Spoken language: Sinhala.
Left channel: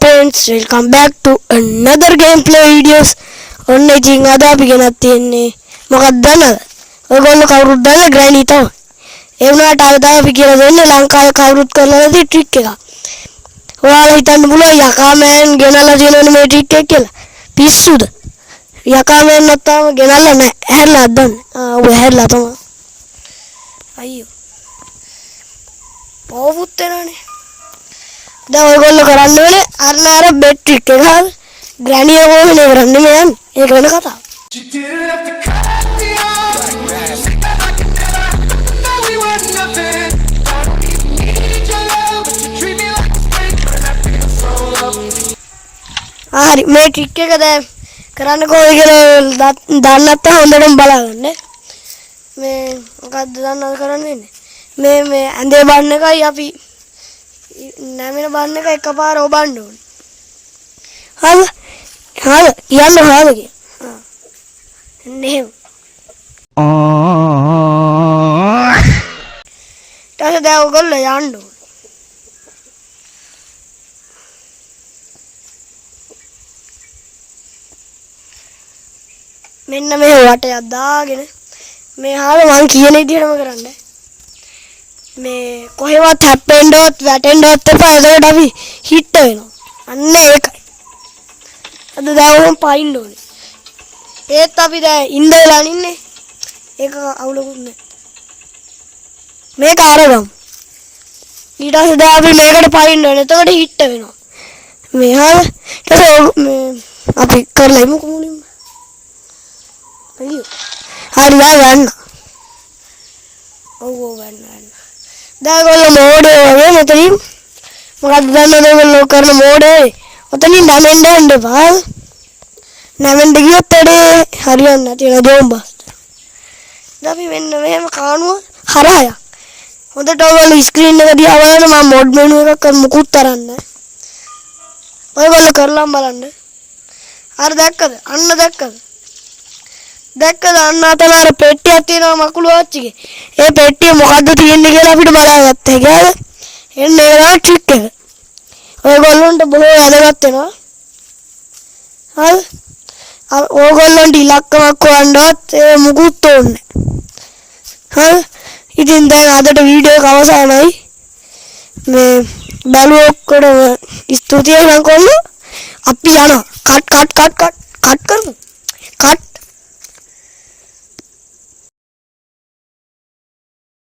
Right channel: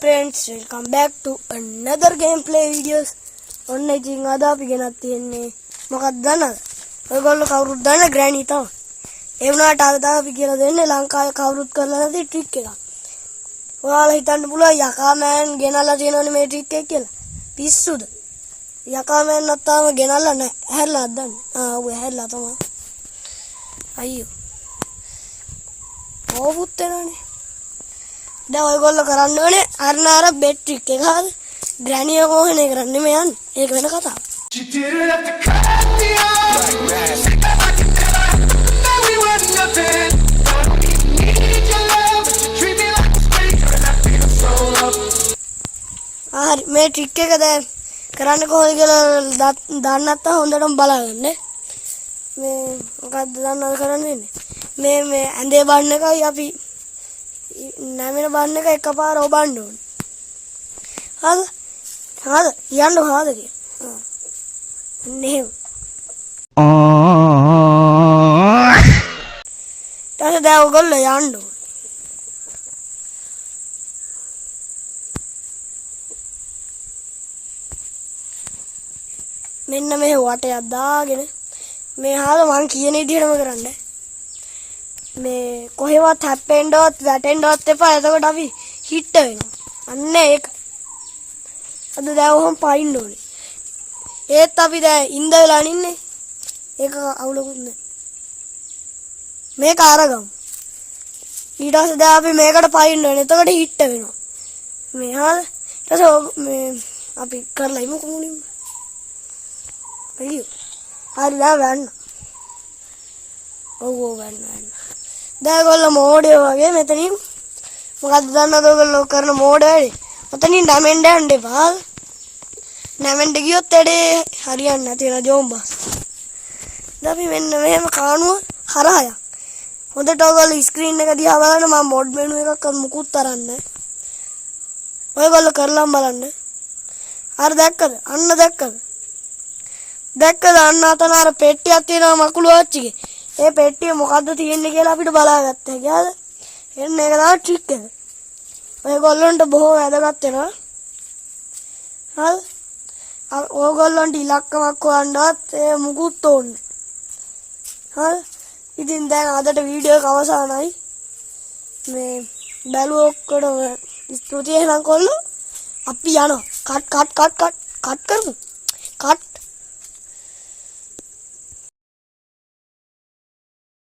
friends, welcome back to another gameplay videos. ඔන්න ඉතින් අද අපි ගෙනත් තියෙන්නේ මොකක්ද දන්නවද? ඔයගොල්ලෝ කවුරුත් දන්න ග්‍රෑනි තමයි. ඒ වුණාට අද අපි කියලා දෙන්නේ ලංකාවේ කවුරුත් කරලා නැති ට්‍රික් එකක්. ඔයාලා හිතන්න පුළුවන් යකාමෑන් ගෙනල්ලා තියෙනවනේ මේ ට්‍රික් එක කියලා. පිස්සුද? යකාමෑන් නැත්තම ගෙනල්ලා නැහැ. ඇහැරලා අද්දන්න. ඔය ඇහැරලා තමයි. අයියෝ. ඕවුත් වෙනවනේ. දැන් ඔයගොල්ලෝ කරන්න ඕනේ අර බෙට් ට්‍රික් එක හරිද? ග්‍රෑනි එක කොහොමද කරන්නේ මේ යන්නේ? ඒක වෙන කතාවක්. හරි මේ ට්‍රික් එක දැන් කරන්න කොහොමද කියලා දන්නේ නැත්නම් හොඳටම බලන්න. මේ මොකද්ද දන්නවද කරන්න වෙන්නේ? මේ ඇඳේ බන්න එකයි අපි නැමෙන බන්න එක එකපාර ඔබන්න ඕනේ. හරි? යන්න හොයාගෙන. නෙහෙම. ඊට දැන් ඔයගොල්ලෝ යන්න ඕනේ. මෙන්න මේ වටයක් දාගෙන මේ මං කියන විදිහටම කරන්න. මේ කොහෙවත් හැප්පෙන්නවත් වැටෙන්නවත් එපා. එතකොට අපි හිට වෙනවා. අන්න ඒකයි. අද දැන් පයින්න ඕනේ. ඒත් අපි දැන් ඉඳලා ඉන්නේ. ඒක අවුලකුත් නැහැ. මේක අරගමු. ඊට පස්සේ දැන් අපි මේකට පයින්න ඕනේ. එතකොට හිට වෙනවා. මේ මේ අපි කරලා ඉමු කොමුලින්ම. අයියෝ. හරි ගන්න. ඔව් ගන්න. දැන් ඔයගොල්ලෝ මෝඩේ වගේ මෙතනින් මොකක්ද දන්නවද ඔයගොල්ලෝ කරන මෝඩේ? ඔතනින් නැමෙන්න යන්න එපා. නැමෙන්න ගියොත් හරියන්නේ නැති වෙන බෝම්බස්. දැන් අපි මෙන්න මෙහෙම කානුව හරහා යන්න. හොඳට ඔයගොල්ලෝ ස්ක්‍රීන් එක දිහා බලන්න. මම මොඩ් මෙනු එකක් මුකුත් තරන්නේ. ඔයගොල්ලෝ කරලා බලන්න. අර දැක්කද? අන්න දැක්කද? දැක්කද අන්න අතන අර පෙට්ටියක් තියෙනවා මකුළු ආච්චිගේ. ඒ පෙට්ටිය මොකද්ද තියෙන්නේ කියලා අපිට බලාගත්තා. ඒකද? එන්න ඒවා ට්‍රික් එක. ඔයගොල්ලන්ට බොහෝ වැදගත් වෙනවා. හරි? ඔයගොල්ලන්ට ඉලක්කමක් හොයන්නවත් ඒ මුකුත් ඕනේ නැහැ. හරි? ඉතින් දැන් අදට වීඩියෝ එක අවසానයි. මේ බලුව ඔක්කොටම ස්තුතියි ලංකොල්ලෝ. අපි යනවා. කට් කරමු.